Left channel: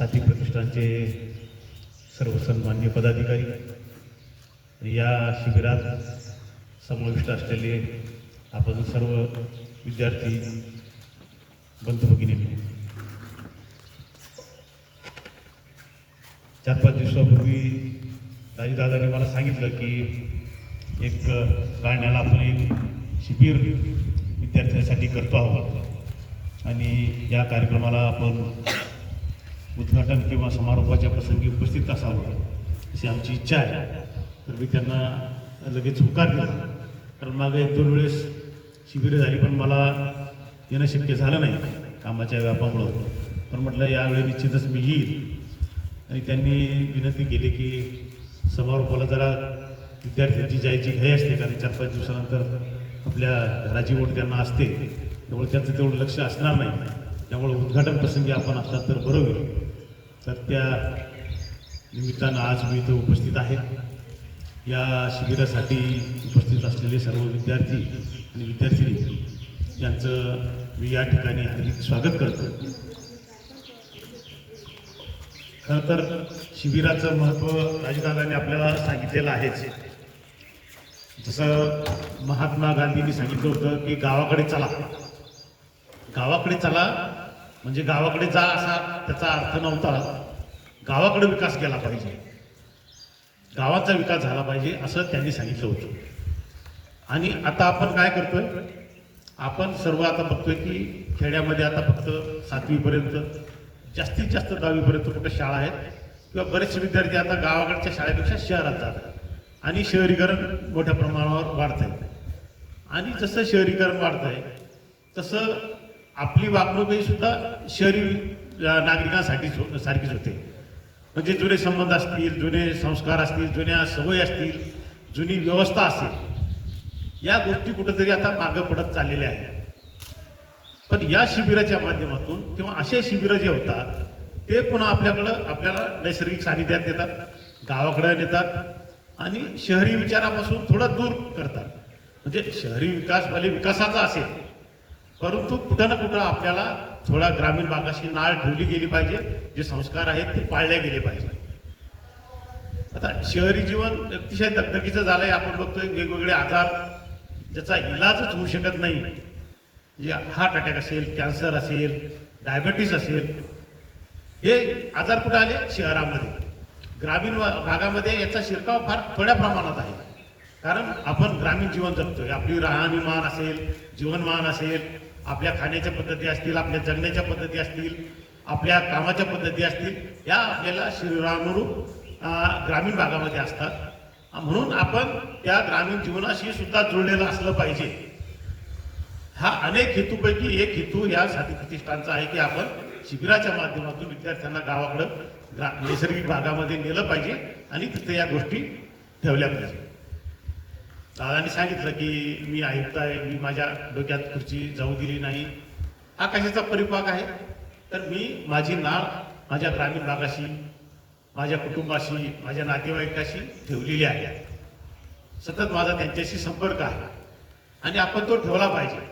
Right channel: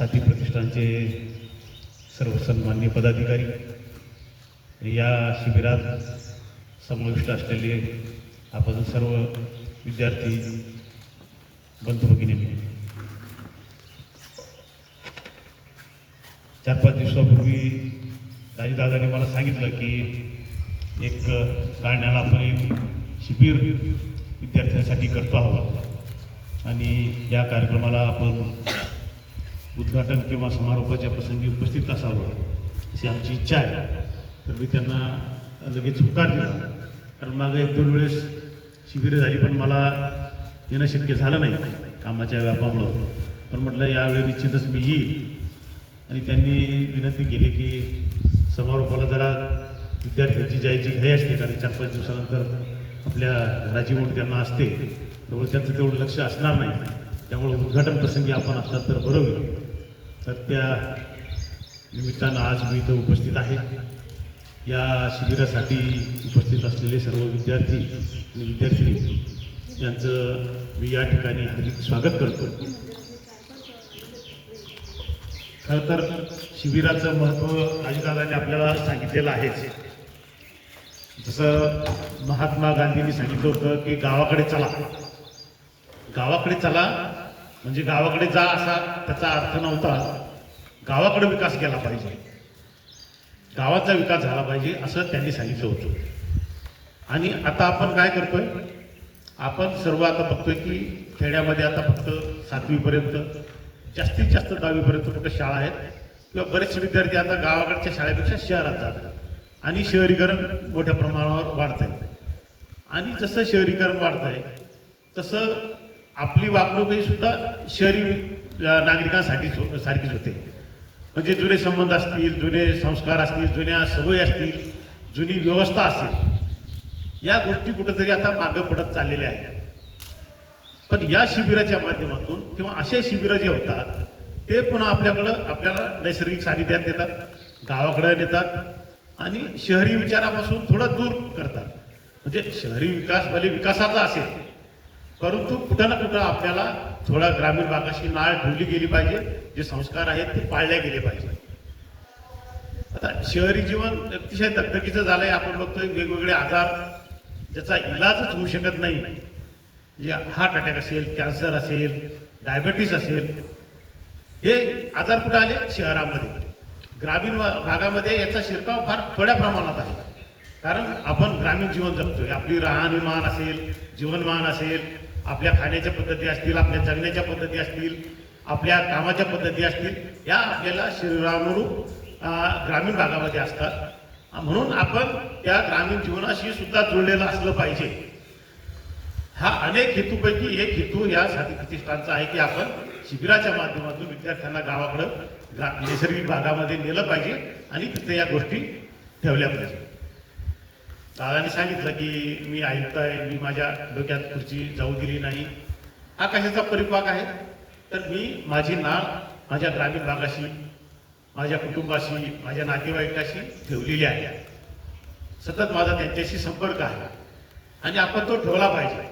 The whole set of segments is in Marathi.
साथी प्रतिष्ठानचे सर्व सन्मान्य पदाधिकारी या शिबिरात समाविष्ट असलेले आपण सर्व विद्यार्थी बंधू भगिनी चार पाच दिवसापूर्वी दादाने मला सांगितलं की एक गाण्याला आपण एक शिबिर विद्यार्थ्यांसाठी करतो आहोत. आणि या कार्यक्रमाला आपण उद्घाटन किंवा समारोपाच्या प्रसंगी उपस्थित असावं अशी आमची इच्छा आहे. तर मी त्यांना लगेच होकार दिला कारण मागं एक दोन वेळेस शिबिरं झाली पण मला येणं शक्य झालं नाही कामाच्या व्यापामुळं. पण म्हटलं यावेळी निश्चितच मी येईल. आणि त्यांनी विनंती केली की समारोपाला जरा विद्यार्थ्यांची जायची घाई असते कारण चार पाच दिवसानंतर आपल्या घराची ओढ त्यांना असते. त्यामुळे त्यांचं तेवढं लक्ष असणार नाही. त्यामुळे उद्घाटन प्रसंगी आपण असतात तर बरं होईल. तर त्या निमित्तानं आज मी इथं उपस्थित आहे. या शिबिरासाठी उपस्थित असलेले सर्व विद्यार्थी आणि विद्यार्थिनी यांचं मी या ठिकाणी हार्दिक स्वागत करतो. खरं तर शिबिराचं महत्त्व राजदादाने आपल्याला सांगितलेलं आहेच. जसं महात्मा गांधींनी सांगितलं होतं की गावाकडे चला. गावाकडे चला म्हणजे गावाकडे जा असा त्याचा अर्थ नव्हता. गावाकडे विकास केला पाहिजे. गावाचा विकास झाला पाहिजे असं त्यांनी सांगितलं होतं. आणि आता आपण काय करतोय? आपण सर्व आता बघतोय की खेड्यामध्ये आता फक्त सातवीपर्यंत जास्तीत जास्त दहावीपर्यंत कुठे शाळा आहेत? किंवा बरेचसे विद्यार्थी आता गावाकडच्या शाळेपेक्षा शहरात जातात. आणि शहरीकरण मोठ्या प्रमाणावर वाढत आहे आणि जसं शहरीकरण वाढत आहे तसं आपली वागणूकही सुद्धा शहरी नागरिकांसाठी हो, सारखीच होते. म्हणजे जुने संबंध असतील जुने संस्कार असतील जुन्या सवयी असतील जुनी व्यवस्था असेल या गोष्टी कुठेतरी आता मागं पडत चाललेल्या आहेत. पण या शिबिराच्या माध्यमातून किंवा असे शिबिरं जे होतात ते पुन्हा आपल्याकडं आपल्याला नैसर्गिक सानिध्यात देतात गावाकडे नेतात आणि शहरी विचारापासून थोडं दूर करतात. म्हणजे शहरी विकास भले विकासाचा असेल परंतु कुठं ना कुठं आपल्याला थोडा ग्रामीण भागाशी नाळ ठेवली गेली पाहिजे. जे संस्कार आहेत ते पाळले गेले पाहिजे. आता शहरी जीवन अतिशय दगदगीचं झालंय. आपण बघतोय वेगवेगळे आजार ज्याचा इलाजच होऊ शकत नाही. म्हणजे हार्ट अटॅक असेल कॅन्सर असेल डायबेटीस असेल हे आजार कुठे आले? शहरामध्ये. ग्रामीण भागामध्ये याचा शिरकाव फार थोड्या प्रमाणात आहे. कारण आपण ग्रामीण जीवन जगतोय. आपली राहणीमान असेल जीवनमान असेल आपल्या खाण्याच्या पद्धती असतील आपल्या जगण्याच्या पद्धती असतील आपल्या कामाच्या पद्धती असतील या आपल्याला शरीरानुरूप ग्रामीण भागामध्ये असतात. म्हणून आपण त्या ग्रामीण जीवनाशी सुद्धा जुळलेलं असलं पाहिजे. हा अनेक हेतूपैकी एक हेतू या साथी प्रतिष्ठानचा आहे की आपण शिबिराच्या माध्यमातून विद्यार्थ्यांना गावाकडं नैसर्गिक भागामध्ये नेलं पाहिजे आणि तिथे या गोष्टी ठेवल्या पाहिजे. दादाने सांगितलं की मी आयुक्त आहे मी माझ्या डोक्यात खुर्ची जाऊ दिली नाही. हा कशाचा परिपाक आहे. तर मी माझी नाळ माझ्या ग्रामीण भागाशी माझ्या कुटुंबाशी माझ्या नातेवाईकाशी ठेवलेली आहे. सतत माझा त्यांच्याशी संपर्क आहे. आणि आपण तो ठेवला पाहिजे.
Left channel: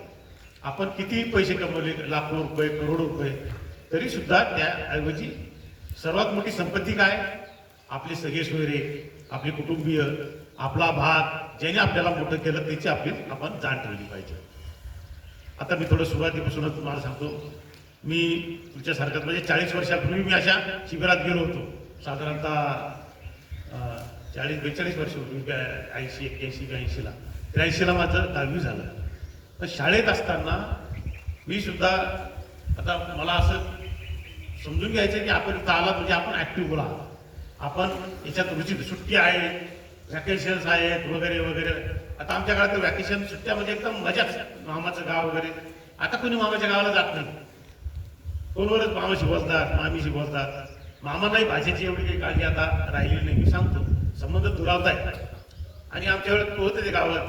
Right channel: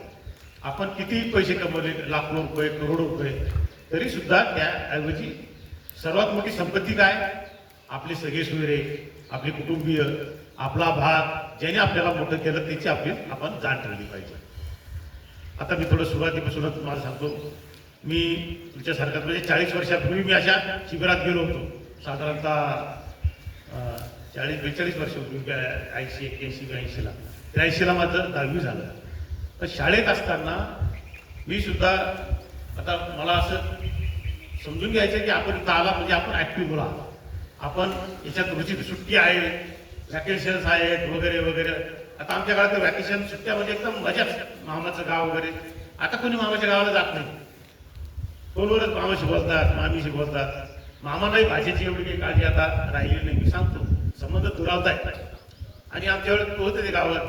आपण किती पैसे कमवले लाखो रुपये करोडो रुपये तरी सुद्धा त्याऐवजी सर्वात मोठी संपत्ती काय? आपले सगळे सोयरे आपले कुटुंबीय आपला भाग ज्याने आपल्याला मोठं केलं त्याची आपली आपण जाण ठेवली पाहिजे. आता मी थोडं सुरुवातीपासूनच तुम्हाला सांगतो. मी तुमच्यासारखं म्हणजे चाळीस वर्षापूर्वी मी अशा शिबिरात गेलो होतो. साधारणतः चाळीस बेचाळीस वर्षापूर्वी ऐंशी एक्क्याऐंशी ब्याऐंशीला त्र्याऐंशीला माझं दहावी झालं. तर शाळेत असताना मी सुद्धा आता मला असं समजून घ्यायचं की आपण इथं आला म्हणजे आपण ॲक्टिव्ह बोला आपण याच्यात रुची सुट्टी आहे व्हॅकेशन्स आहेत वगैरे वगैरे. आता आमच्या काळात व्हॅकेशन सुट्ट्या म्हणजे एकदम मजाच. मामाचं गाव वगैरे. आता कोणी मामाच्या गावाला जात नाही. बरोबरच मामाशी बसतात मामीशी बोलतात. मामालाही भाषेची एवढी काही काळजी आता राहिली नाही. मी सांगतो संबंध दुरावत आहेत आणि आमच्या वेळेत होते ते गावात.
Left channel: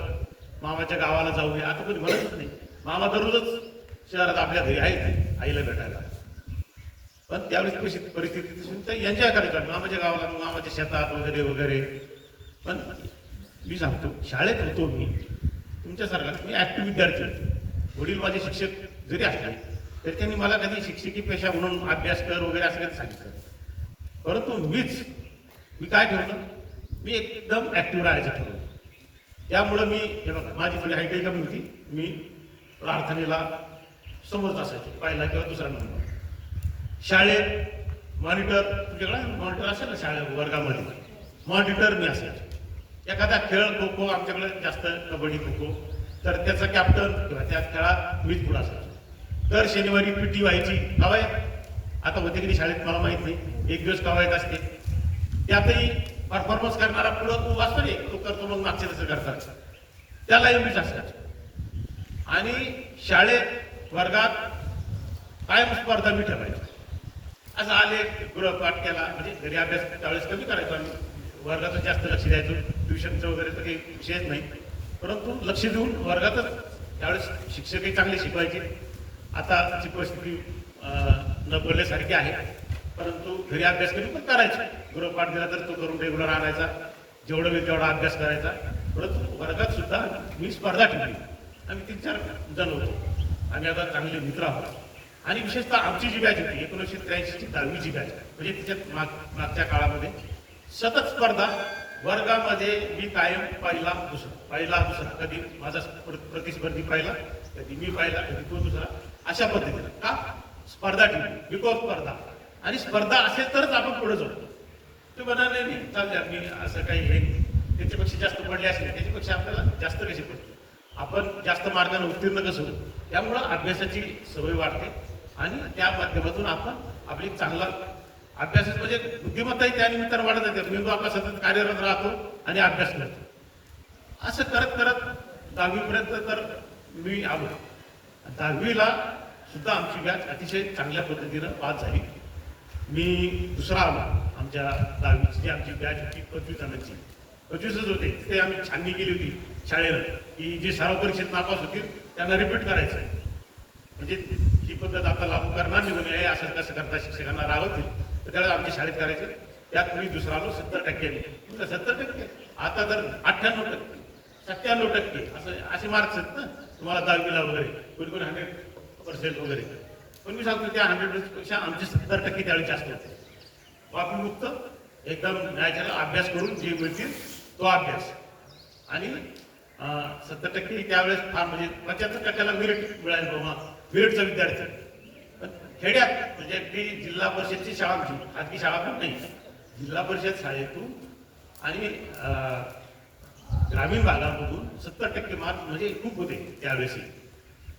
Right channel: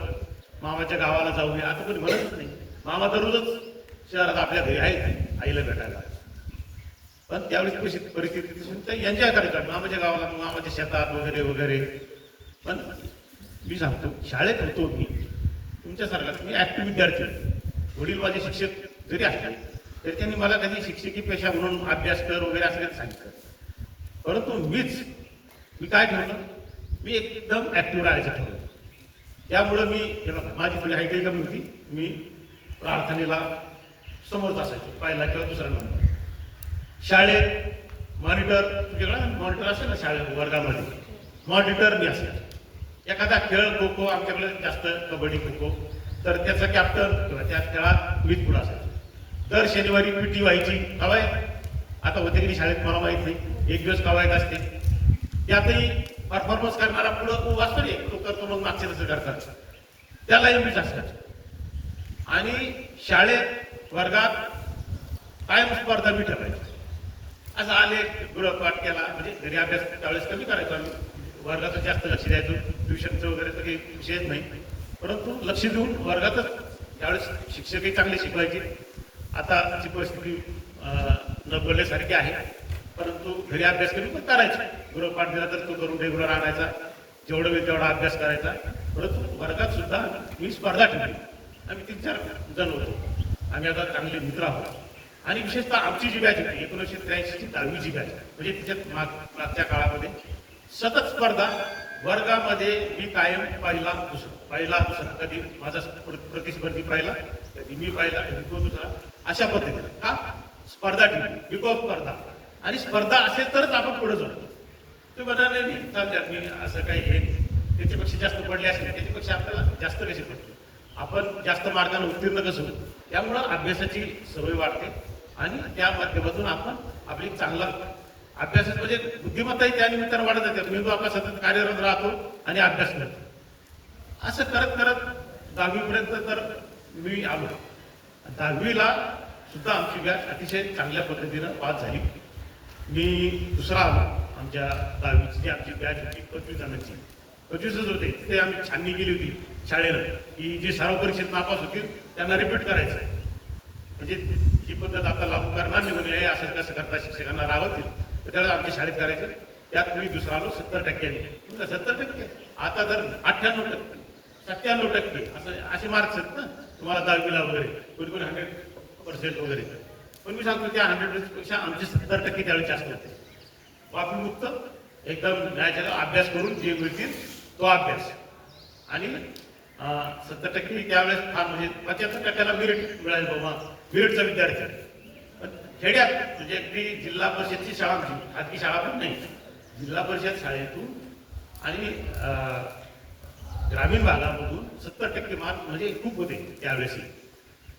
मामाच्या गावाला जाऊ नये. आता कोणी म्हणतच नाही. मामा दररोजच शहरात आपल्या घरी आहेत आईला भेटायला. पण त्यावेळेस कशी परिस्थिती यांच्या तर मामाच्या गावाला मग मामाच्या शेतात वगैरे वगैरे. पण मी सांगतो शाळेत होतो मी. तुमच्यासारखा मी ऍक्टिव्ह विद्यार्थी. वडील माझे शिक्षक जरी असले तर त्यांनी मला कधी शिक्षकी पेशा म्हणून अभ्यास कर वगैरे असं काही सांगितलं परंतु मीच मी काय ठरवलं मी एकदम ॲक्टिव्ह राहायचं ठरवलं त्यामुळं मी माझी थोडी हाईट कमी होती. मी प्रार्थनेला समर्थ असायचो पहिला किंवा दुसरा नंबर. शाळेत मॉनिटर तुझ्याकडे मॉनिटर असेल ना शाळेत वर्गामध्ये? मॉनिटर मी असायचो. एखादा खेळ खो खो आमच्याकडे जास्त कबड्डी खो खो तर त्याचा कॅप्टन त्या खेळात मीच पुढे असायचो. दर शनिवारी पिटी व्हायची. कवायत आता होते की शाळेत मला माहीत नाही. एक दिवस कवायत असते. त्यातही परफॉर्मन्स करणारा पुढं वाचतो रे तो करतो मग मागचे तसं करतात. त्याला मीच असतात आणि शाळेत वर्गात कायम स्पर्धा मी ठरवायची. असं आले गृहपाठ केला म्हणजे घरी अभ्यास त्यावेळेस कमी करायचो आम्ही. वर्गाचं जास्त लक्ष द्यायचो. ट्युशनचं वगैरे तर काही विषयच नाही. परंतु लक्ष देऊन वर्गातच त्यावेळेस शिक्षकही चांगले शिकवायचे. आता ती परिस्थिती न बोलण्यासारखी आहे. परंतु घरी अभ्यास करून पण करायचे. गृहपाठ दिला तर तो करून रेग्युलर आणायचा. जेवढं वेळ तेवढा अभ्यास करायचा. परंतु वर्गात सुद्धा मी स्पर्धा ठेवली. आम्ही तीन चार जण होतो. आम्ही आता चांगले मित्र आहोत. आणि विशेषतः आमची जी बॅच होती एकोणीसशे त्र्याऐंशीची दहावीची बॅच म्हणजे तिच्यात माग मागच्या काळामध्ये सतत स्पर्धा वर्गामध्ये मी कायम पहिला दुसरा पहिला दुसरा. कधी माझा प्रतिस्पर्धी पाहिला कधी मी पाहिला कधी तो दुसरा. अशा पद्धतीने का स्पर्धा ठेवली बिकॉज स्पर्धा. आणि स्पर्धा असेल तरच आपण पुढे जाऊ. ते म्हणाले नाही चालते मी असं काही हे नाही. त्याच्यापेक्षा जास्त पडले असले त्याच्यापेक्षा आपल्याला जास्त कसे पडते आपण जास्त मार्गाने उत्तीर्ण कसं होऊ? त्यामुळं अभ्यासाची सवय वाढते. आणि त्या माध्यमातून आपण आपली चांगला अभ्यास म्हणजे बुद्धिमत्ताही त्या निमित्तानं वाढत जाते. मेंदू आपला सतत कार्यरत राहतो आणि अभ्यास करतो. असं करत करत दहावीपर्यंत तर मी आलो. दहावीला सुद्धा आमची बॅच अतिशय चांगल्या पद्धतीनं पास झाली. मी दुसरा आलो आमच्या दहावीची जी आमची बॅच होती पंचवीस जणांची. पंचवीसच होते. ते आम्ही छाननी केली होती शाळेनं. की जे सराव परीक्षेत नापास होतील त्यांना रिपीट करायचं आहे म्हणजे ही पद्धत आता लागू करणार नाही म्हणजे हे असं कसं करता शिक्षकांना रागवतील तर त्याला आमच्या शाळेत करायचे त्यात मी दुसरा आलो सत्तर टक्क्यांनी सत्तर टक्के? आता तर अठ्ठ्याण्णव टक्के. सत्त्याण्णव टक्के. असं असे मार्क्स आहेत ना तुम्हाला दहावीला वगैरे. कोणी कोणी हंड्रेड पर्सेंट वगैरे. पण मी सांगतो त्या हंड्रेडपेक्षा आमचे सत्तर टक्के त्यावेळी जास्त होते. बाकी मुक्त एकदम न्यायाचा अभ्यास करून जे मिळतील तो अभ्यास. आणि सत्तर टक्के त्यावेळेस फार म्हणजे पंच्याहत्तर टक्क्याला मेरिट मिळालं बाबा. मेरिटचा विद्यार्थी. पण खेड्यात म्हणजे अगदी जिल्हा परिषदची शाळा होती खाजगी शाळा पण नाही. जिल्हा परिषद शाळेतून आणि ग्रामीण भागामधून सत्तर टक्के मार्क म्हणजे खूप होते त्यावेळेस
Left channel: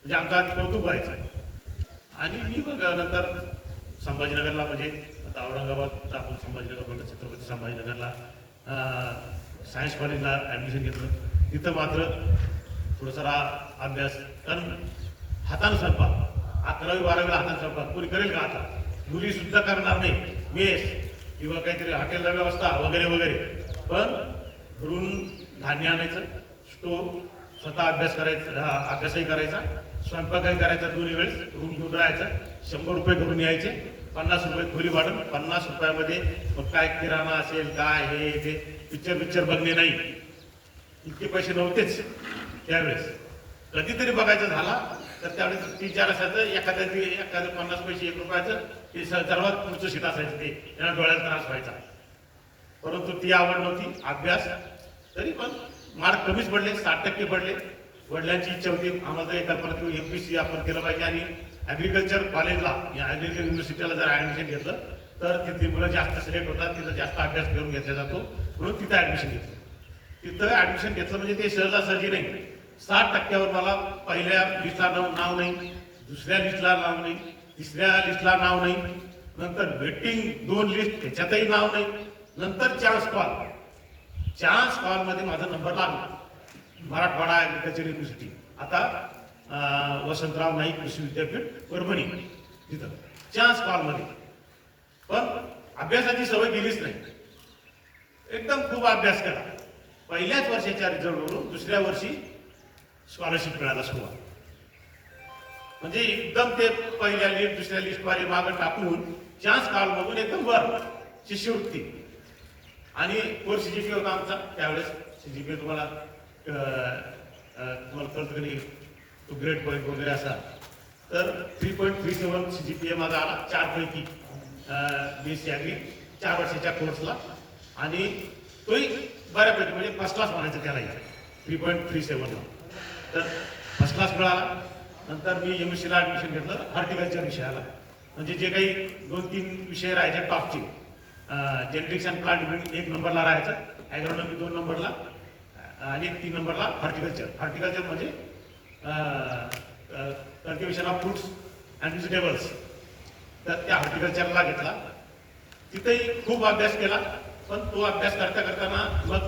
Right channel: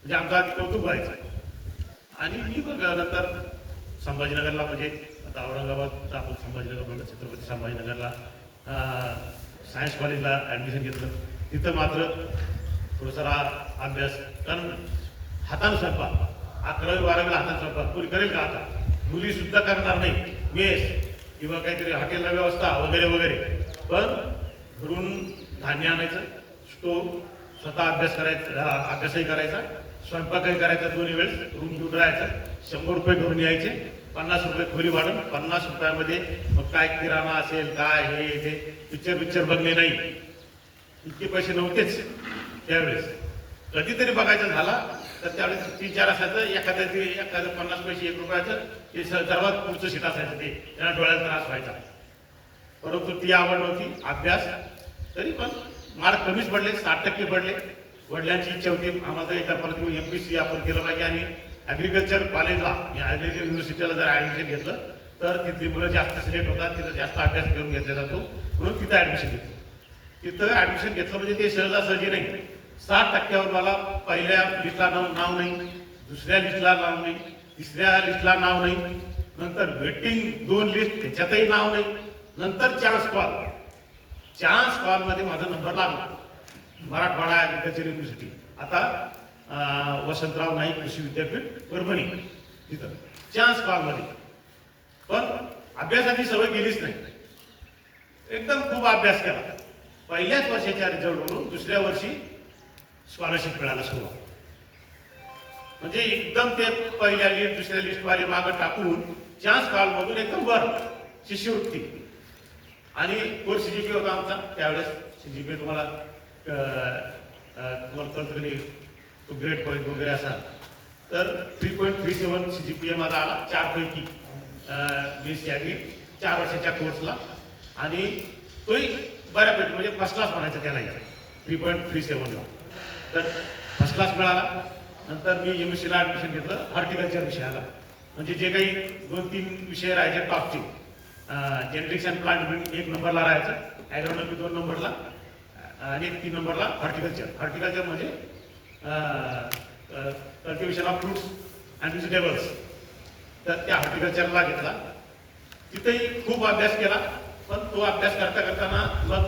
म्हणजे आमचं कौतुक व्हायचं आणि मी पण नंतर संभाजीनगरला म्हणजे आता औरंगाबाद आपण संभाजीनगर म्हणजे छत्रपती संभाजीनगरला सायन्स कॉलेजला ॲडमिशन घेतलं. तिथं मात्र थोडंसं रा- अभ्यास कारण हातानं स्वयंपाक अकरावी बारावीला हातानं स्वयंपाक कोणी करेल का आता? मुलीसुद्धा करणार नाही. मेस किंवा काहीतरी हॉटेलला व्यवस्था वगैरे वगैरे. पण घरून धान्य आणायचं स्टोव स्वतः अभ्यास करायचा अभ्यासही करायचा. स्वयंपाकही करायचा दोन्ही वेळेस रूम घेऊन राहायचं. शंभर रुपये घेऊन यायचे पन्नास रुपये खोली वाढून पन्नास रुपयामध्ये मग काय किराणा असेल काय हे ते पिक्चर पिक्चर बघणे नाही. इतके पैसे नव्हतेच त्यावेळेस. कधीतरी बघायचं झाला तर त्यावेळेस तीन चार असायचं एखाद्या ते एखादं पन्नास पैसे एक रुपयाचं ते सर्वात पुढचं शीट असायचं ते. त्यांना डोळ्यात त्रास व्हायचा. परंतु ती आवड नव्हती अभ्यास. तरी पण मार्क कमीच पडले साठ टक्के पडले. वडिलांची इच्छा होती आम्हाला एका परत एम पी सी आपण केलं पाहिजे आणि ॲग्रिकल्चर कॉलेजला या ॲग्रिकल्चर युनिव्हर्सिटीला जर ॲडमिशन घेतलं तर तिथली मुलं जास्त सिलेक्ट होतात तिथं जास्त अभ्यास करून घेतला जातो म्हणून तिथं ॲडमिशन घेतलं. तिथं ॲडमिशन घेतलं म्हणजे ते सहजासहजी नाही. साठ टक्क्यावर मला पहिल्या लिस्टला नाव नाव नाही दुसऱ्या लिस्टला नाव नाही तिसऱ्या लिस्टला नाव नाही. नंतर वेटिंग दोन लिस्ट त्याच्यातही नाव नाही. नंतर चान्स कॉल चान्स कॉलमध्ये माझा नंबर लागला. Marathwada agriculture university. आता वसंतराव नाईक कृषी विद्यापीठ परभणी. तिथं. चान्स कॉलमध्ये पण अभ्यासाची सवय गेलीच नाही. एकदम खूप अभ्यास केला. पहिल्याच वर्षाच्या रिझल्टवरून दुसऱ्या वर्षी स्कॉलरशिप मिळायला सुरुवात. म्हणजे एकदम ते पहिल्या लिस्ट दुसऱ्या लिस्ट मागं टाकून चान्स कॉलमधून एकदम वर शिष्यवृत्ती. आणि कोर्स सीजीपी होता आमचा. त्यावेळेस सीजीपी तुम्हाला पी तुम्हाला तुम्हाला कळतं तो ग्रेड पॉईंट वगैरे असा तर three point three seven C G P A माझा आला चारपैकी. बी एस सी चार वर्षाच्या कोर्सला आणि तोही बऱ्यापैकी म्हणजे फर्स्ट क्लास म्हणायचं त्यालाही थ्री पॉईंट थ्री सेवनला तर फर्स्ट क्लास मिळाला. नंतर मी एम एस सीला ॲडमिशन घेतलं हॉर्टिकल्चर विषयाला. म्हणजे जे काही दोन तीन विषय राहायचे टॉपचे जेनेटिक्स अँड प्लांट एक नंबरला राहायचं. ॲग्रॉनॉमी दोन नंबरला आणि तीन नंबरला हॉर्टिकल्चर हॉर्टिकल्चर म्हणजे cultivation of fruits and vegetables तर त्या हॉर्टिकल्चरला घेतला. तिथेही खूप अभ्यास केला पण तो अभ्यास करता करताना मग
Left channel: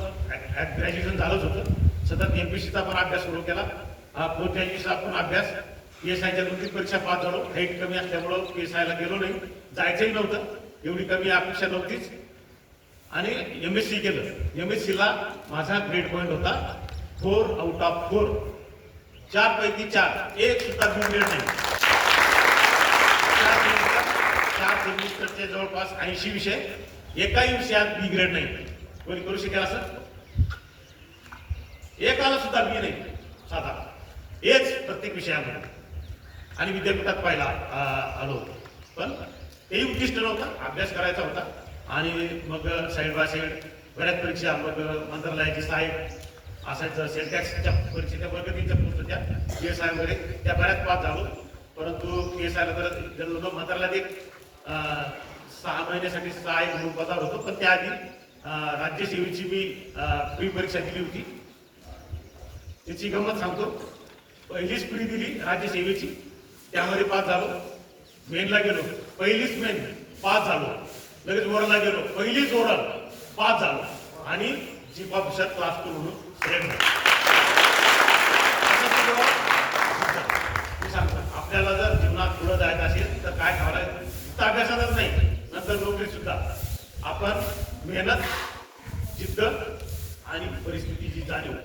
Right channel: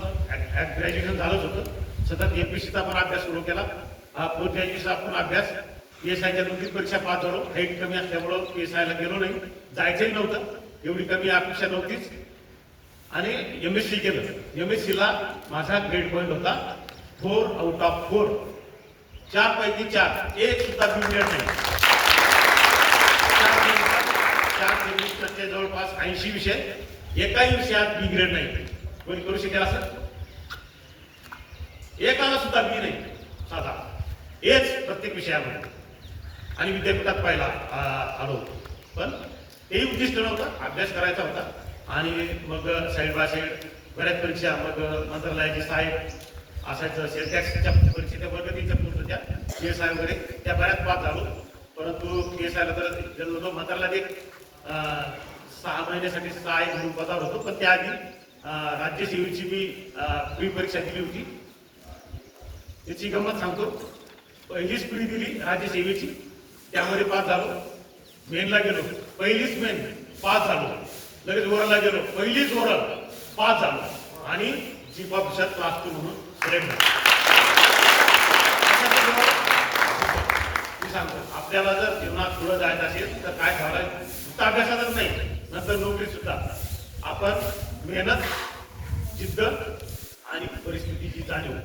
ग्रॅज्युएशन झालंच होतं. सतत एमपीसीचा पण अभ्यास सुरू केला. पोस्ट ग्रॅज्युएशनचा पण अभ्यास. पी एस आयच्या दोन्ही परीक्षा पास झालो. हाईट कमी असल्यामुळं पी एस आयला गेलो नाही. जायचंही नव्हतं. एवढी कमी अपेक्षा नव्हतीच. आणि एम एस सी केलं. एम एस सीला माझा ग्रेड पॉईंट होता. फोर आउट ऑफ फोर चार पैकी चार. एक सुद्धा बी ग्रेड नाही चार. सेमिस्टरचे जवळपास ऐंशी विषय. एकाही विषयात बी ग्रेड नाही. कोणी करू शकेल असं? एकाला सुद्धा बी नाही. साधा. एच प्रत्येक विषयामध्ये. आणि विद्यापीठात पाहिला आलो होतो. पण तेही उद्दिष्ट नव्हतं. अभ्यास करायचा होता. आणि मग साईड बऱ्याच परीक्षा मग मंत्रालयाचे साहेब असायचं सेलटॅक्सच्या परीक्षेच्या पद्धतीच्या पोस्ट होत्या पी एस आय वगैरे त्या बऱ्याच पास झालो. परंतु पी एस आयला तर गेलो मंत्रालयात एक सहा महिन्यासाठी सहाय्यक म्हणून पदावर होतो पण त्याआधी राज्य सेवेची मी प्री परीक्षा दिली होती. त्याची गंमत सांगतो. पहिलीच प्री दिली राज्य सेवेची त्यामध्ये पास झालो. मेनला गेलो. पहिलीच मेन पास झालो. लगेच वरला गेलो. पहिलीच वर पास झालं. आणि चीफ ऑफिसर क्लास टू म्हणून मी सांगतो आपल्याला जर जीवनात पुढे जायचं असेल तर काय ठेवायचं फक्त अभ्यासातच नाही. नंतर नोकरी सुद्धा. आपण मेहनत जिद्द आणि परिस्थितीची जाणीव.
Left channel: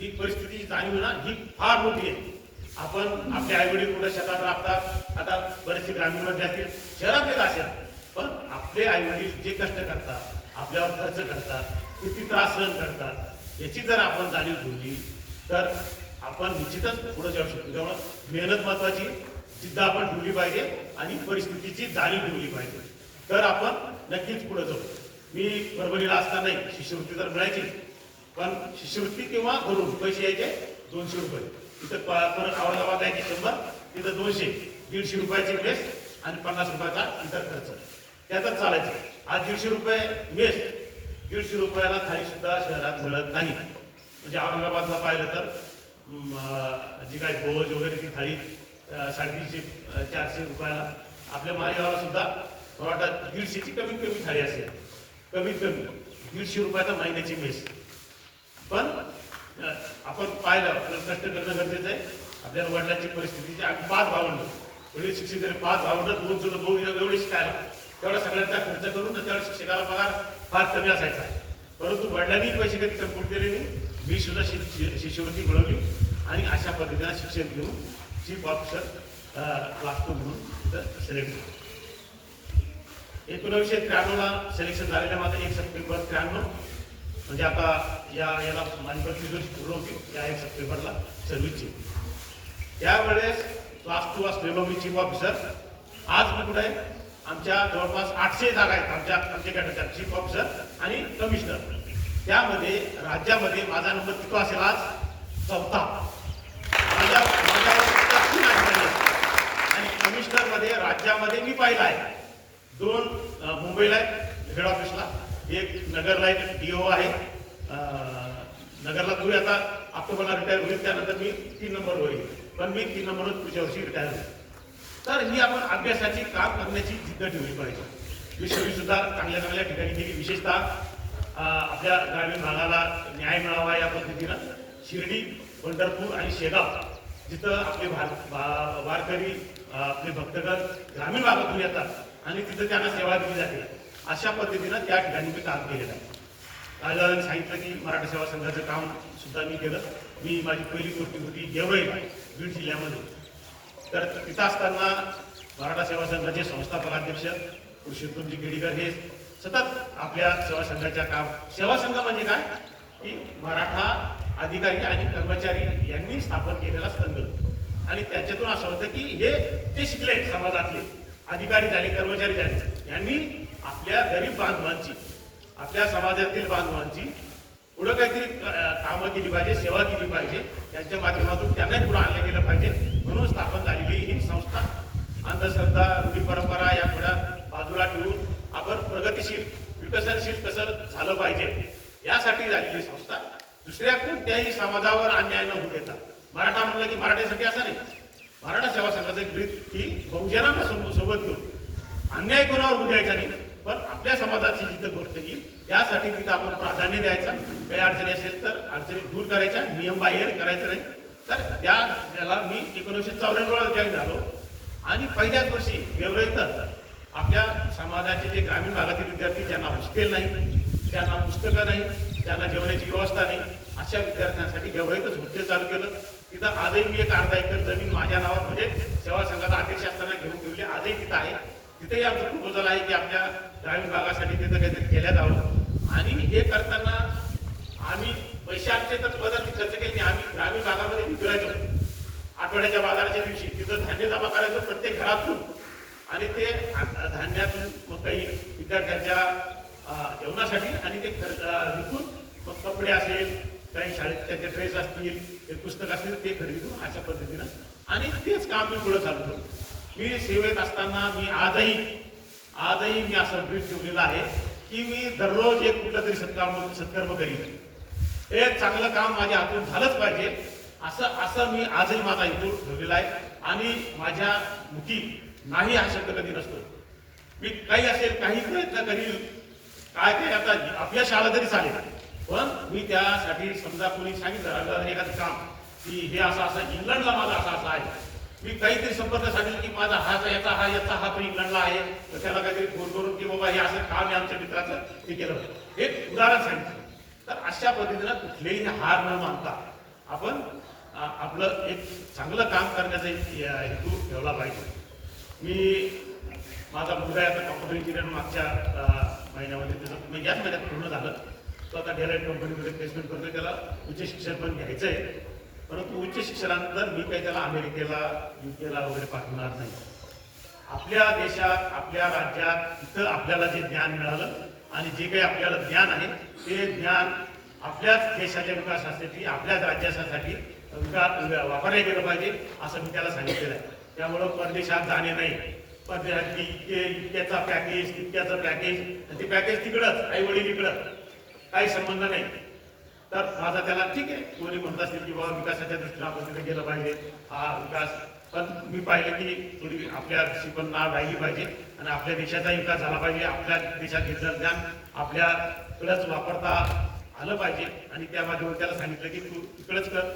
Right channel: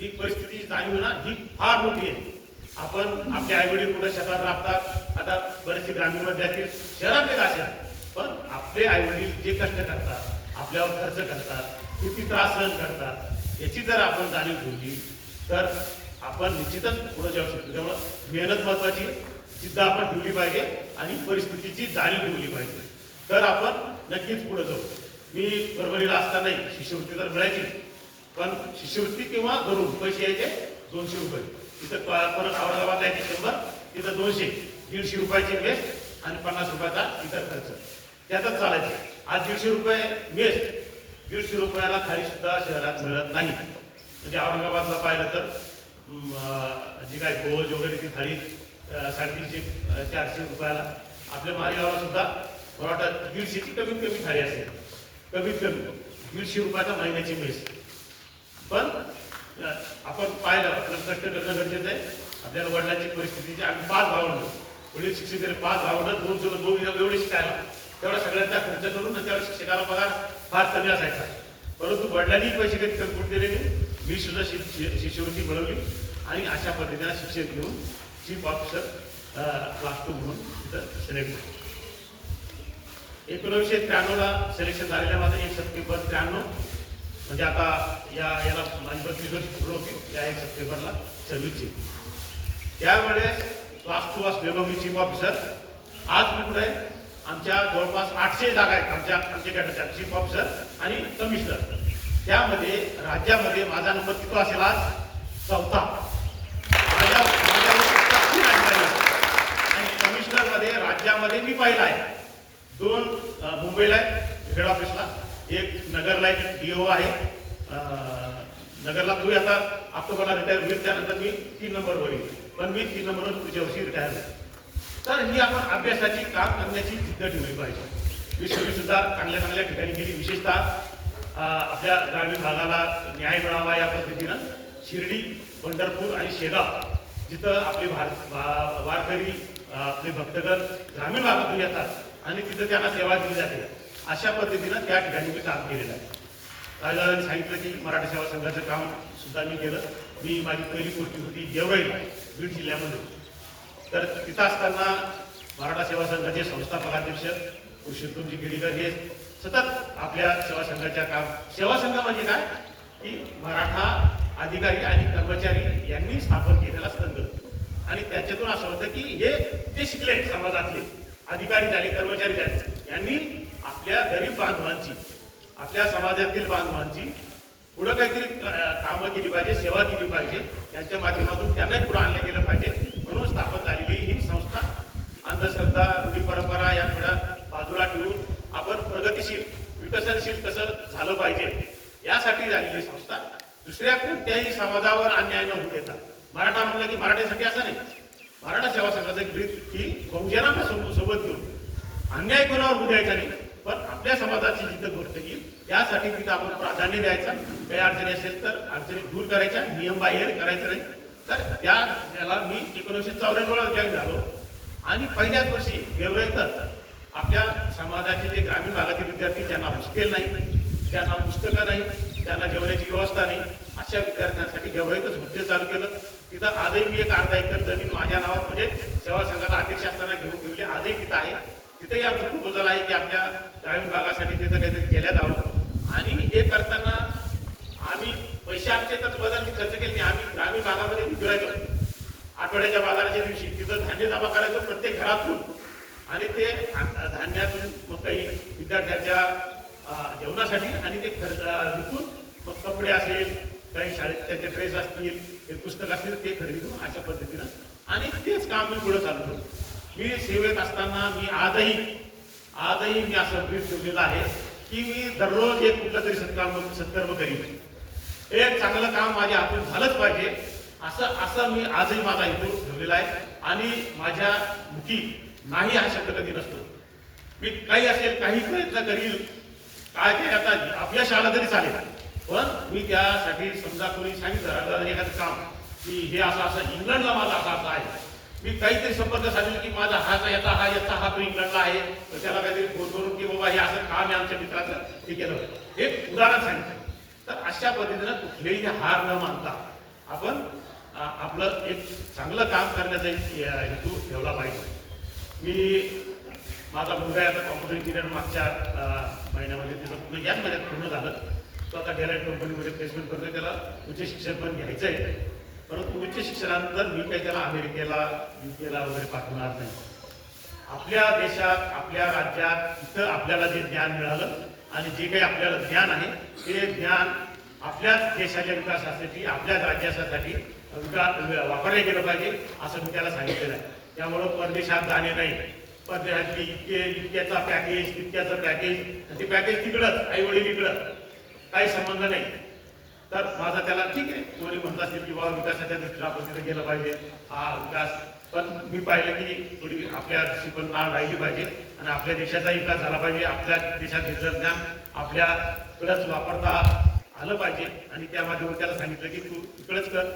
ही परिस्थितीची जाणीव ना ही फार मोठी आहे. आपण आपले आईवडील कुठे शेतात राबतात आता बरेचसे ग्रामीणमध्ये असतील शहरातले असेल. पण आपले आई वडील जे कष्ट करतात आपल्यावर खर्च करतात किती त्रास सहन करतात याची जर आपण जाणीव ठेवली तर आपण निश्चितच पुढे जाऊ शकतो. त्यामुळं मेहनत महत्वाची जिद्द आपण ठेवली पाहिजे आणि परिस्थितीची जाणीव ठेवली पाहिजे. तर आपण नक्कीच पुढे जाऊ. मी परभणीला असतानाही शिष्यवृत्ती तर मिळायची पण शिष्यवृत्ती किंवा घरून पैसे यायचे दोनशे रुपये. तिथं प- परत औरंगाबाद यायचे शंभर तिथं दोनशे दीडशे रुपयाची वेस्ट आणि पन्नास रुपयाचा इतर खर्च. त्यातच चालायचे. आज दीडशे रुपये वेस्ट दीडशे रुपयाला खाली सुद्धा शहरात मिळत नाही. म्हणजे औरंगाबादला पाहिलं तर जी काय भोज वगैरे ती थाळी साडेतीनशे चारशे रुपयाला. आपल्या मालेगावला सुद्धा मला वाटतं दीडशेची कमीत कमी थाळी असेल. कमीत कमी. दीडशे रुपयाचा महिन्याची मेस पण आपण पाहिलं आपलं कष्ट करणं गरजेचं आहे. आपल्याला वडिलांची परिस्थितीची आम्ही पाच भावंड. वडील शिक्षित तरी पाच भावंड दोन चुलं दोन एवढे शिकायला. तेवढा सगळ्यांचा खर्च करून आणि तेवढा शिक्षकाला पगार फार कमी असायचा. परंतु वडिलांनी पैसे कधी कमी दिले नाही. मी सुद्धा शि- शिष्यवृत्ती मिळवली आणि अशा पद्धतीने शिक्षण घेऊन चीफ ऑफिसर क्लास टू म्हणून तिथं सिलेक्ट झालो. एकोणीसशे त्र्याण्णवला सिलेक्शन झालेलं माझं एक सप्टेंबर त्र्याण्णव म्हणजे आता या याला माझी वर्ष पूर्ण होती या एक सप्टेंबरला सर्व्हिसची त्यावेळेस क्लास टू असलेलो मी चीफ ऑफिसर आज मी कुठे आहे? आमच्या जवळपास आठशे जागा आहेत आमच्या आमच्या चीफ ऑफिसर आणि कमिशनर त्यामध्ये राज्यामध्ये माझा नंबर किती असेल आज? चौथा. माझ्या आणि कमिशनरमध्ये राज्यामध्ये मी पाहिला आहे. दोन मुंबईला आहे हेड ऑफिसला एक नगरला एक डीओ आहे. नगरला तुम्ही आता. ऑक्टोबरला रिटायर होईल. त्यानंतर मी तीन नंबर होईल पण मी तीन नंबरवर पुढच्या वर्षी रिटायर होईल. तर ही आपण अभ्यासाची काम करण्याची जिद्द ठेवली पाहिजे. मी सुद्धा चांगल्या चांगल्या ठिकाणी गेली विशेषतः आपल्या ग्रामीण भागाला न्याय मिळावा या पद्धतीनं शिर्डी पंढरपूर आणि शेगाव जिथं आपले भार भा- वारकरी आपले भक्तगण ग्रामीण भागातून येतात आणि तिथं त्यांना सेवा दिली जाते. अशा पद्धतीनं त्या ठिकाणी मी काम केलेलं आहे. राजाने सांगितलं की मराठी सेवा संघाचं काम सुद्धा मी केलं. मी माझी पहिली गोष्टी होती देवळी बीड जिल्ह्यामध्ये. तर तिथं असताना मराठा सेवा संघाचे संस्थापकाध्यक्ष पुरुषोत्तमजी केडीकर हे सतत आपल्या सेवा संघाच्या काम सेवा संघ म्हणजे काय? की मराठा अधिकारी आणि कर्मचारी यांनी स्थापन केलेला संघ. आणि त्याच्यातून असं होतं की हे ते शिकले समाजातले अधिकारी झाले कर्मचारी झाले. यांनी आपल्या गरीब बांधवांची आपल्या समाजातील बांधवांची पुढं काहीतरी कामं केली पाहिजे सेवा केली पाहिजे त्यांच्या माध्यमातून त्यांनाही पुढे आणलं गेलं पाहिजे. म्हणून स्थापन झालेली ही संस्था अंधश्रद्धा रूढी परंपरा या थोड्या बाजूला ठेवून आपण प्रगतीशील विकसनशील कसं झालं पाहिजे यासाठी झालेली संस्था. दुसऱ्या कोणत्याही समाजावर अन्याय न होऊ देता. मराठा म्हणलं की मराठ्यासाठी असं नाही. मराठा सेवा संघाचं ग्रीत ही की बहुजनांना सोबत घेऊन. अन्याय कोणावर होऊ द्यायचा नाही पण आपल्या समाजाची जिथं गोष्ट येईल यासाठी तिथं आपण प्राधान्य द्यायचं. काही अडचणी असेल तर अडचणी दूर करायच्या नियम बाहेर करायचं नाही. तर त्या त्याला मी एकोणीसशे चौऱ्याण्णव जॉईन झालो. आणि पहिल्याच वर्षी गेवराईतच आपल्या समाजाचे जे ग्रामीण भागातील विद्यार्थी ज्यांना हॉस्टेल नाही त्यांना पुस्तकं नाही त्यांना जेवण्याची व्यवस्था नाही अशा विद्यार्थ्यांसाठी गेवराईतच हॉस्टेल चालू केलं. तिथं आजही मी एक अर्धा एकर जमीन माझ्या नावात म्हणजे सेवा संघाचा अध्यक्ष असताना घेऊन ठेवली. आजही तिथं आहे. तिथेही आमचं प्रपोजल आहे की आपल्या ग्रामीण भागासाठी तिथं काहीतरी केल्या जावं आणि हे करताना आम्ही पैसे आमचे तर पदार्थी खर्च केले आम्ही ग्रामीण भागामध्ये विकरायचो आठवड्याच्या बाजाराच्या दिवशी तिथं धान्य जमा करायचो प्रत्येक घरातून. आणि ते धान्यातून मग काही विद्यार्थ्यांच्या जेवणासाठी आणि ते खर्च विकून मग कपडे असेल काही शाळेत त्याचे ड्रेस असतील ते पुस्तक असतील ते खरेदी करून अशा पद्धतीनं आणि तेच काम मी पुढे चालू मी सेवेत असताना मी आजही आजही मी असं ड्रेस ठेवलेलं आहे. की मी दररोज एक कुठलं तरी सत्कर्म सत्कर्म करीन. एक चांगलं काम माझ्या हातून झालंच पाहिजे. असं असं मी आजही माझा हेतू ठेवलेला आहे. आणि माझ्या मुखी नाही हा शब्द कधी नसतो. मी काही असेल काही प्रयत्न करील काय ते आता अपयश आलं तरी चालेल. पण मी त्यासाठी समजा कोणी सांगितलं एखादं काम की हे असं असं इंग्लंडला माझा असा असा आहे. मी काहीतरी संपर्क सांगितलं की माझा हा जो याचा हा याचा हा तो इंग्लंडला आहे तर त्याला काहीतरी फोन करून की बाबा हे असं काम आहे आमच्या मित्राचं हे केलं होतं. एक उदाहरण सांगितलं. तर अशा पद्धतीनं कुठलेही हार न मानता आपण आपलं एक चांगलं काम करण्याचा एक हेतू ठेवला पाहिजे. मी माझा मुलगा आहे आता कॉम्प्युटर इंजिनियर मागच्या महिन्यामध्ये त्याचं पूर्ण याच महिन्यात पूर्ण झालं. तो आता डेलाईट कंपनीमध्ये प्लेसमेंट करतोय त्याला उच्च शिक्षण पण घ्यायचं आहे परंतु उच्च शिक्षणानंतर मी काही त्याला अमेरिकेला युकेला वगैरे पाठवणार नाही. आपल्या देशात आपल्या राज्यात इथं आपल्याला जे ज्ञान मिळालं आणि जे काही आपल्याला ज्ञान आहे ते ज्ञान आपल्याच देशाच्या विकासासाठी आपल्याच राज्यासाठी विकास वापरले गेलं पाहिजे असं मी त्याला सांगितलेलं आहे. त्यामुळं परदेशात जाणे नाही. परदेशात इतके इतक्याचा पॅकेज तितक्याचं पॅकेज आणि ते पॅकेज तिकडंच आई वडील इकडं. काही संबंध नाही. तर माझा त्याला ठीक आहे. कोणी म्हणत असेल की बाबा विकासाच्या दृष्टीने आपण तिथे गेलं पाहिजे. हा विकास. पण मी पाहिलं की थोडी आपल्या देशी पण नाव राहिली पाहिजे. आणि आपल्या देशाचा विकास झाला पाहिजे. आपल्या देशात घेतलं ज्ञान आपल्याकडेच वापरता आलं पाहिजे. आणि त्या माध्यमात त्याला सांगितलं की तू इकडेच कर.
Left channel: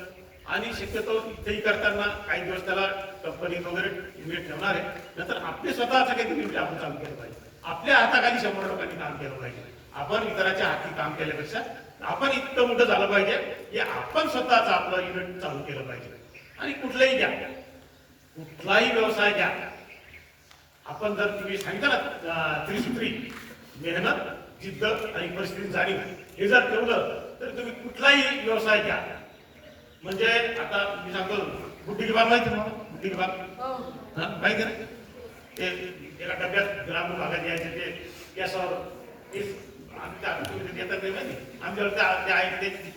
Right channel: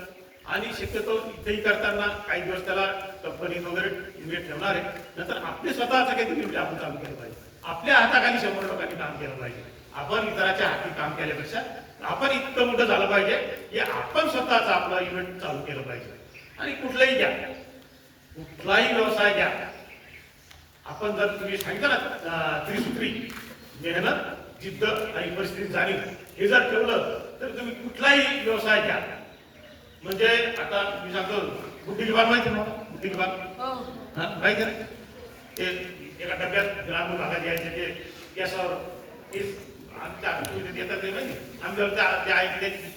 आणि शक्यतो इथेही करताना काही दिवस त्याला कंपनीत वगैरे इन्व्हेस्ट ठेवणार आहे. नंतर आपले स्वतःचं काहीतरी म्हणजे आपण चालू केलं पाहिजे. आपल्या हाताखाली शंभर लोकांनी काम केलं पाहिजे. आपण इतराच्या हाती काम केल्यापेक्षा आपण इतकं मोठं झालं पाहिजे की आपण स्वतःच आपलं इव्हेंट चालू केलं पाहिजे. आणि कुठलंही घ्या. कुठलाही व्यवसाय घ्या. आपण जर तुम्ही सांगितलं ना त्रिसूत्री मेहनत जिद्द आणि परिस्थिती जाणीव हे जर ठेवलं तर तुम्ही कुठलाही व्यवसाय घ्या. म्हणजे आता मी सांगतो बुद्धी बाग माहिती ना बुद्धी बाग हा. माहिती ना? ते एका डब्यात ग्रामीण भागात यायचे ते गॅसवर केस आमच्या देतात ते माहिती आमच्यावर त्या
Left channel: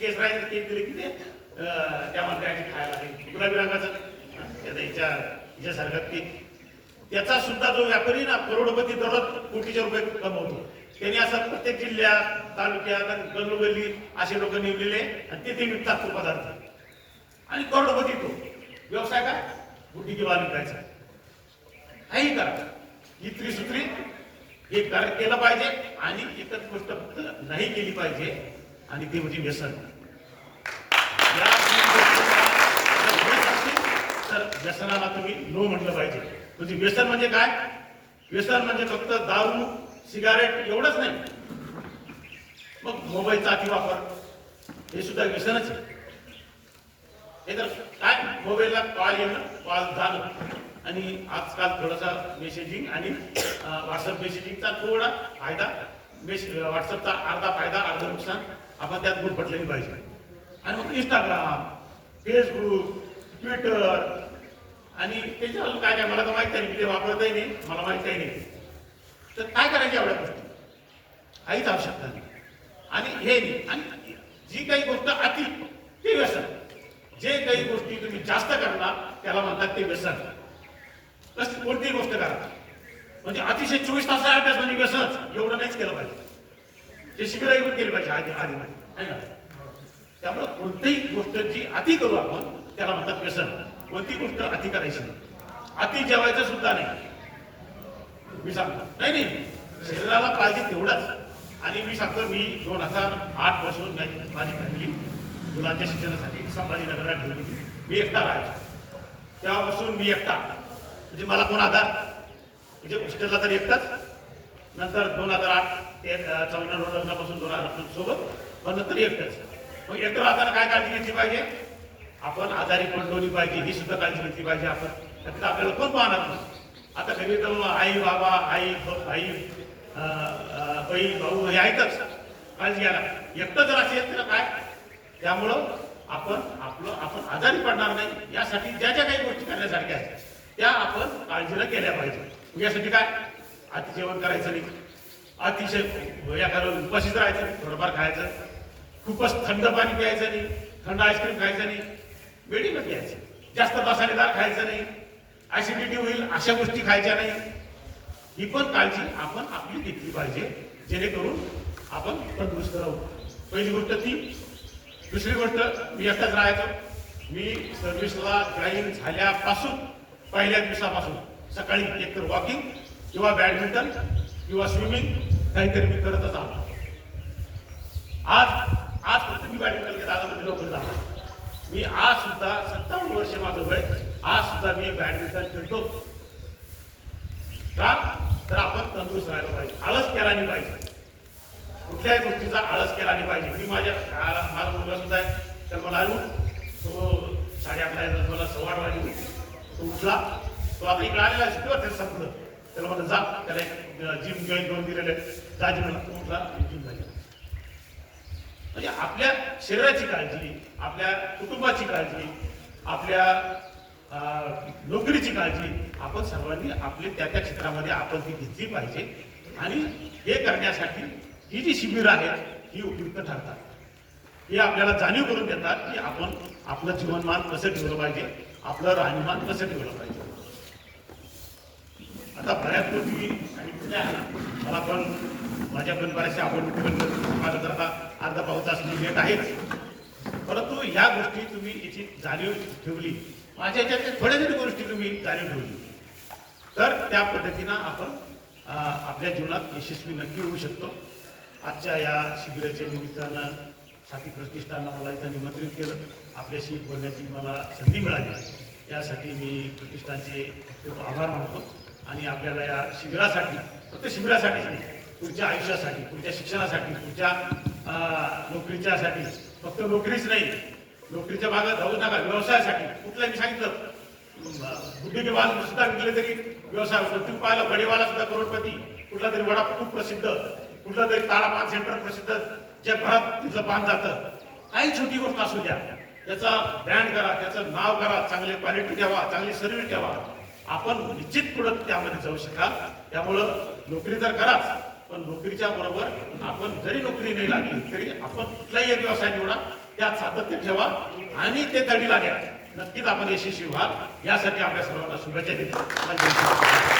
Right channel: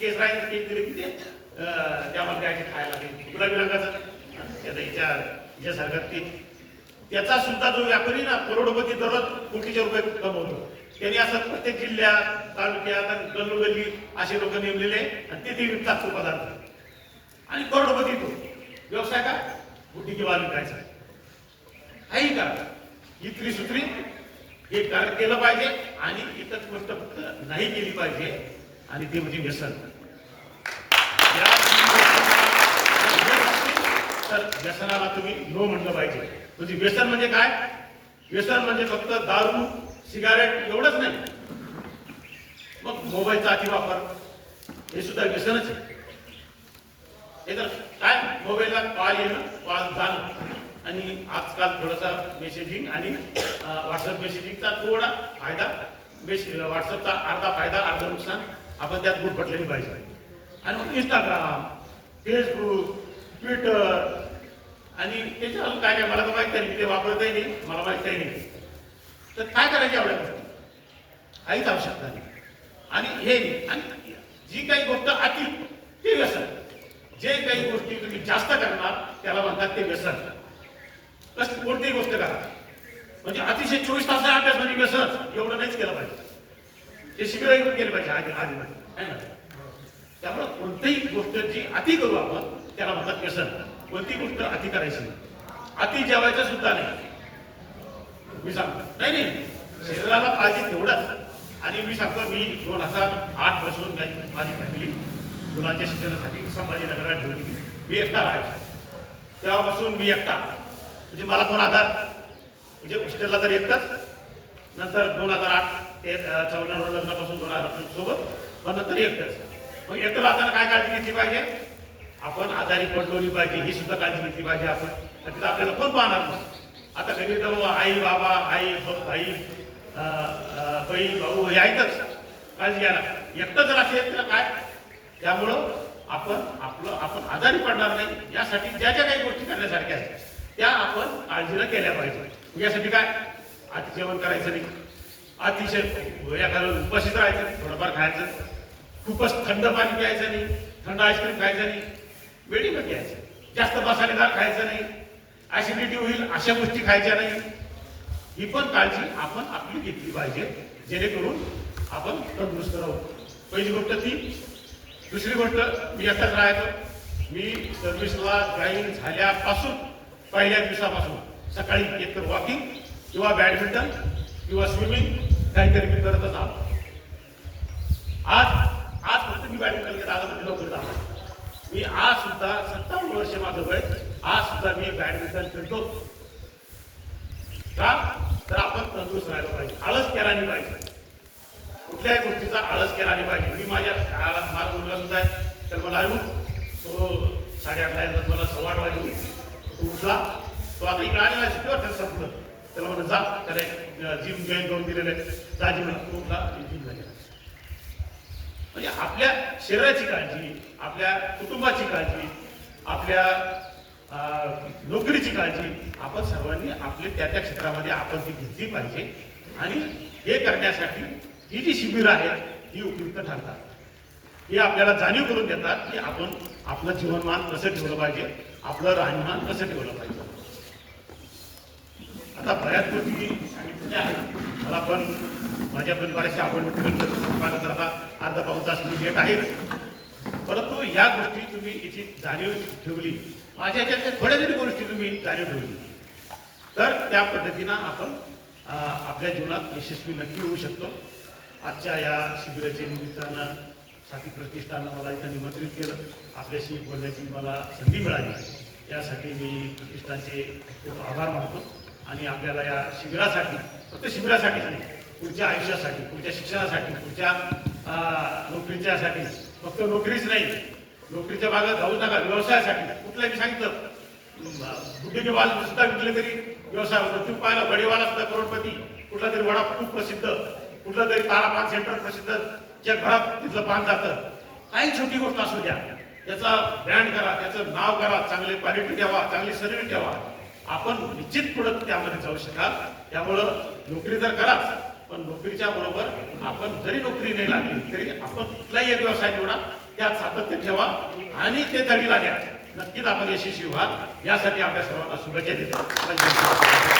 केस राहायचे केस दिले की ते अं, त्या खायला ते गुलाबी रंगाचं त्याचा हिच्या हिच्यासारखं ते त्याचा सुद्धा जो व्यापारी ना करोडपती दररोज कोटीचे रुपये कमवतो. त्यांनी असं प्रत्येक जिल्ह्यात तालुक्यात आणि गल्लोगल्ली असे लोक नेमलेले आणि ते ते विकतात तो पदार्थ. आणि करोडपती तो. व्यवसाय का? बुद्धी किंवा विकायचा काही करा. ही त्रिसूत्री हे कर- केलं पाहिजे. आणि एकच गोष्ट फक्त नाही केली पाहिजे आणि ते म्हणजे व्यसन. या तर व्यसनाला तुम्ही नो म्हटलं पाहिजे. म्हणजे व्यसन म्हणजे काय? व्यसन म्हणजे फक्त दारू सिगारेट एवढंच नाही. मग मोबाईलचा अतिवापर हे सुद्धा व्यसनच आहे. हे तर काय? मोबाईलला कॉल येणं कॉल जाणं. आणि आजकाल थोडासा मेसेजिंग आणि व्हॉट्सअप मेसेजिंगचा थोडा फायदा मेस व्हॉट्सअपचा अर्धा फायदा अर्धा नुकसान आपण त्यात गुटपटलेली पाहिजे. आणि मग इंस्टाग्राम फेसबुक ट्विटर आणि त्याच्यावर काय काय मला तर माहीत नाही मी ते वापरतही नाही मला माहीतही नाही. तर काय करायची एवढ्या गोष्टी? काहीच आवश्यकता नाही. आणि हे नाही. आणि जी काही गोष्ट अति ते व्यसन. जे काही गोष्टी तुम्ही जास्त करणार त्याला म्हणतात ते व्यसन. कसली कोणतीही गोष्ट करा. म्हणजे अतिशय चोवीस तास अभ्यास म्हणजे व्यसन एवढं नाहीच केलं पाहिजे. ते शिबिर येऊन केलं पाहिजे आधी आधी ना? त्यामुळे कोणतीही गोष्ट जी अति करू आपण त्याला म्हणतात व्यसन कोणती गोष्ट अति करायची नाही. अति जेवायचं सुद्धा नाही. मी सांगतो. नाही नाही. शरीराला पाहिजे तेवढंच. आणि मी सांगतो मी दोन हजार आठपासून माझी फॅमिली मुलांच्या शिक्षणासाठी संभाजीनगरला ठेवली मी एकटा राहायचो. तेव्हापासून मी एकटा. म्हणजे मला कोण आधार म्हणजे हॉस्टेलला तर येतात. नंतर दोन हजार आठ ते चौदा लग्नापासून दोन हजारपासून सोबत पण नंतर एकटंच मग एकटं राहताना काय काळजी घेतली पाहिजे? आपण आजारी पडलोली पाहिजे ही सुद्धा काळजी घेतली पाहिजे आपण. तिथं आपल्याला कोण पाहणार नाही. आता घरी तर आई बाबा आई ब- भाई बहीण भाऊ हे आहेतच. काळजी घ्यायला एकटं जर असेल तर काय? त्यामुळं आपण आपलं आपण आजारी पडणार नाही. यासाठी ज्या ज्या काही गोष्टी करण्यासारख्या आहेत त्या आपण काळजीला केल्या पाहिजे. यासाठी काय? अति जेवण करायचं नाही. अतिशय या घालून उपाशीच राहायचं नाही. थोडंफार खायचं खूपच थंड पाणी प्यायचं नाही. थंड आईस्क्रीम खायचं नाही. वेळीमध्ये प्यायचं जास्त मसालेदार खायचं नाही. ऍसिडिटी होईल अशा गोष्टी खायच्या नाही. ही पण काळजी आपण आपली घेतली पाहिजे. जेणेकरून आपण तंदुरुस्त राहू. पहिली गोष्ट ती. दुसरी गोष्ट मी एकटाच राहायचो. मी सर्व्हिसला जॉईन झाल्यापासून पहिल्या दिवसापासून सकाळी एकतर वॉकिंग किंवा बॅडमिंटन किंवा स्विमिंग काहीतरी मी करत असा आज आज फक्त मी बॅडमिंटन खेळत आलो म्हणजे लवकर जातो. मी आज सुद्धा सत्तावन्न वर्ष माझं वय आज सुद्धा मी बॅडमिंटन खेळतो. का? तर आपण तंदुरुस्त राहायला पाहिजे. आळस केला नाही पाहिजे. कुठल्याही गोष्टीचा आळस केला नाही पाहिजे. मी माझ्या शाळाला माझा मुलगा सुद्धा आहे. तर मला येऊन तो साडेआठला मला सव्वा वाजे तो उठला. तो आता इकडे आलेला आहे शिकवत त्याला संपलं त्याला म्हणलं जा. त्याने जिम जॉईन करून दिलेले जा जिम तो उठला जिम झाली म्हणजे आपल्या शरीराची काळजी आपल्या कुटुंबाची काळजी आपल्या अं, नोकरीची काळजी आपण सर्वांनी आपले त्या त्या क्षेत्रामध्ये आपण ती घेतली पाहिजे. आणि हे करण्यासाठी ही जी शिबिरं आहेत ही उपयुक्त ठरतात. हे आपल्याला जाणीव करून देतात की आपण आपलं जीवनमान कसं ठेवलं पाहिजे आपलं राहणीमान कसं ठेवलं पाहिजे. आता बऱ्याच गोष्टी सांगितलेल्या मला पण माझ्या पण बऱ्याचशा आपण माझं आता अर्धा पाऊस तास मी येत आहेच परंतु ह्या गोष्टी तुम्ही याची जाणीव ठेवली. माझ्या याच्यात थोड्या तरी गोष्टी तुम्ही जाणीव ठेवली. तर त्या पद्धतीनं आपण आपल्या जीवनात यशस्वी नक्की होऊ शकतो. आजच्या या शिबिराच्या निमित्तानं साथी प्रतिष्ठानं मला इथं निमंत्रित केलं. आपल्याशी बोलण्याची मला संधी मिळाली. त्यासाठी मी प्रतिष्ठानचे खूप आभार मानतो. आणि आपल्याला या शिबिरासाठी फक्त शिबिरासाठीच नाही पुढच्या आयुष्यासाठी पुढच्या शिक्षणासाठी पुढच्या नोकरीच्यासाठी फक्त नोकरीच नाही नोकरीच्या भागात जाऊ नका व्यवसायासाठी कुठलाही मी सांगितलं? बुद्धी सुद्धा विकले तरी व्यवसाय होतो पाहायला बडेवाला बडीवाला सुद्धा करोडपती कुठला तरी वडा खूप प्रसिद्ध कुठलं तरी तारा पान सेंटर प्रसिद्ध जगभरात तिथलं पान जातं. काही छोटी गोष्ट असू द्या त्याचा ब्रँड करा त्याचं नाव करा चांगली क्वालिटी ठेवा चांगली सर्व्हिस ठेवा. आपण निश्चित पुढे त्यामध्ये जाऊ शकाल. त्यामुळं नोकरी तर कराच पण नोकरीच्या बरोबर आपण जरी नोकरी नाही लागली तरी आपण कुठलाही एक व्यवसाय निवडा त्यात सातत्य ठेवा आणि ते तरी लागेल. नक्कीच आपण यशस्वी व्हा यासाठी आपल्या सर्वांना शुभेच्छा देतो.